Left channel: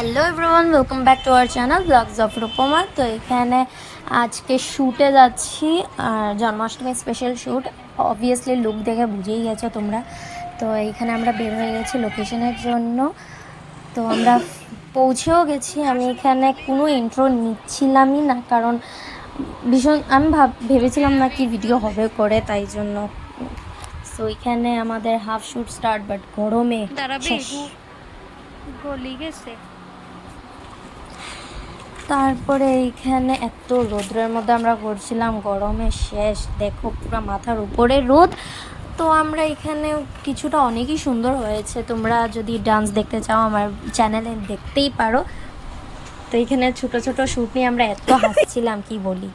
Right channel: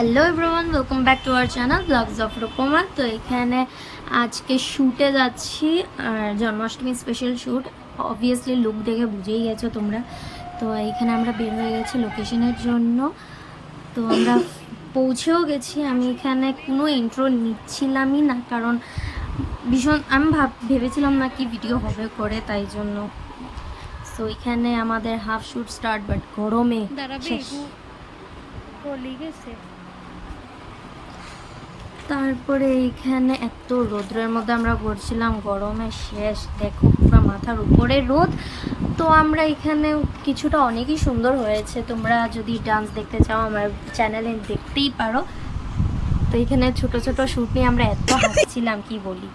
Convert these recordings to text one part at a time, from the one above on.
Hello everyone, welcome back to our channel vlogs of Rupama. তো এখানে আজকে শ্যুটে যাচ্ছি, আর Janmashtami special shoot. Obviously look দেখে বুঝেই গেছো তোমরা। তো এইখানে আমরা বের হয়ে গেছি লোকেশনের জন্য। তো আমরা পৌঁছেও গেছি। আমি এখানে কোনো ইন্ট্রো নিচ্ছিলামই না, কারণ ভীষণ আমি ভেবেছিলাম না কি ভিডিও হবে করে, তাই জন্য। সো এখানে আমাদের হাফ শ্যুট স্টার্ট, বাট গরমে গলি গেছে। তারপরে এইখানে এত রোদ্রের মধ্যে আমরা করছিলাম, গরমে শেষ। দেখো পুরো মাথার উপরে রোদ। তো আমরা এখানে কিছুটা অনেকই সুন্দর হয়েছে। তোমরা যদি ডান্স দেখতে চাও আমার চ্যানেলে দেখতেই পারো। তো এইখানে ছোট ছোট শ্যুট নিয়ে আমরা এত হাসছিলাম কি বলি।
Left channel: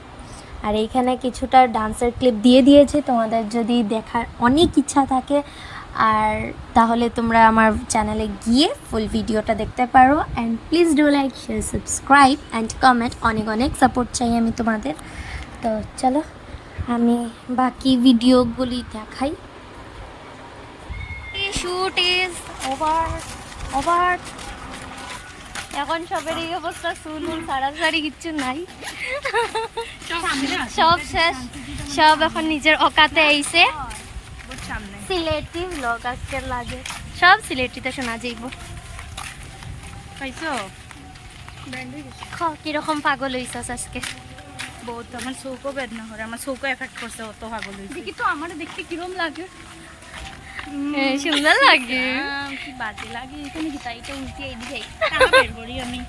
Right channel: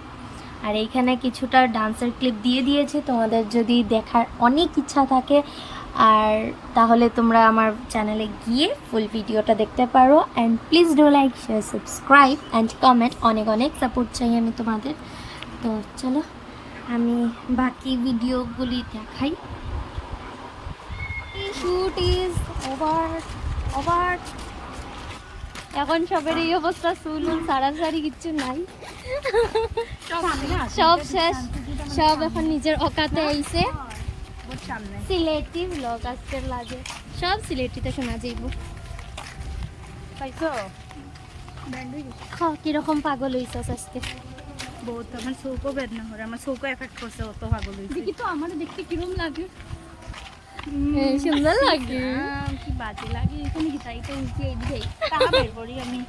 আর এইখানে কিছুটা ডান্সের ক্লিপ দিয়ে দিয়েছি, তোমাদের যদি দেখার অনেক ইচ্ছা থাকে আর তাহলে তোমরা আমার চ্যানেলে গিয়ে ফুল ভিডিওটা দেখতে পারো। And please do like, share, subscribe and comment. অনেক অনেক সাপোর্ট চাই আমি তোমাদের। তো চলো আমি বাকি ভিডিওগুলি দেখাই। Shoot is over. এখন সবের এই অবস্থা, চুল সারাসারি কিচ্ছু নাই, সব শেষ। সব এখন নিজের অকাতে আইছে। সিলেটি ব্লগ আজকে লাগে, সব সিলেটিতে শোনা যাইব। পাইছো কিরকম পাগল হইছস আজকে? বহুত আমার চৌকো বেদনা করে, আমার চৌকো এফেক্ট করছে, অত পাগল হইছে। দেখি তো আমার দেখতে কিরম লাগে। সুন্দর লাগে, কি বাজে লাগে। এখানে কি তাই এটা উল্টে এইদিকে টাকা বের করি আমি।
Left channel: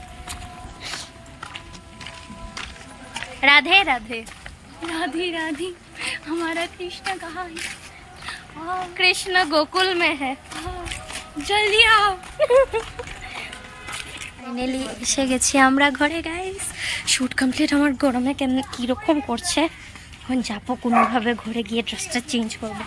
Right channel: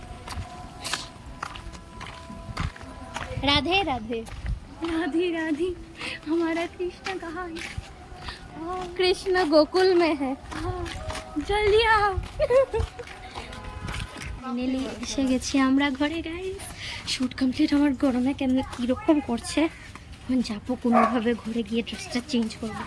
राधे राधे राधे राधे हमारा कृष्ण कहाँ है? कृष्ण गोकुल में है, जल्दी आओ। ফাইনালি এসে গেছি আমরা ঘরে গাইস। Shoot complete. আমার গরমে কেন কীরকম করছে, এখন যাবো কোনোভাবে ঘরে গিয়ে ড্রেসটা চেঞ্জ করবো।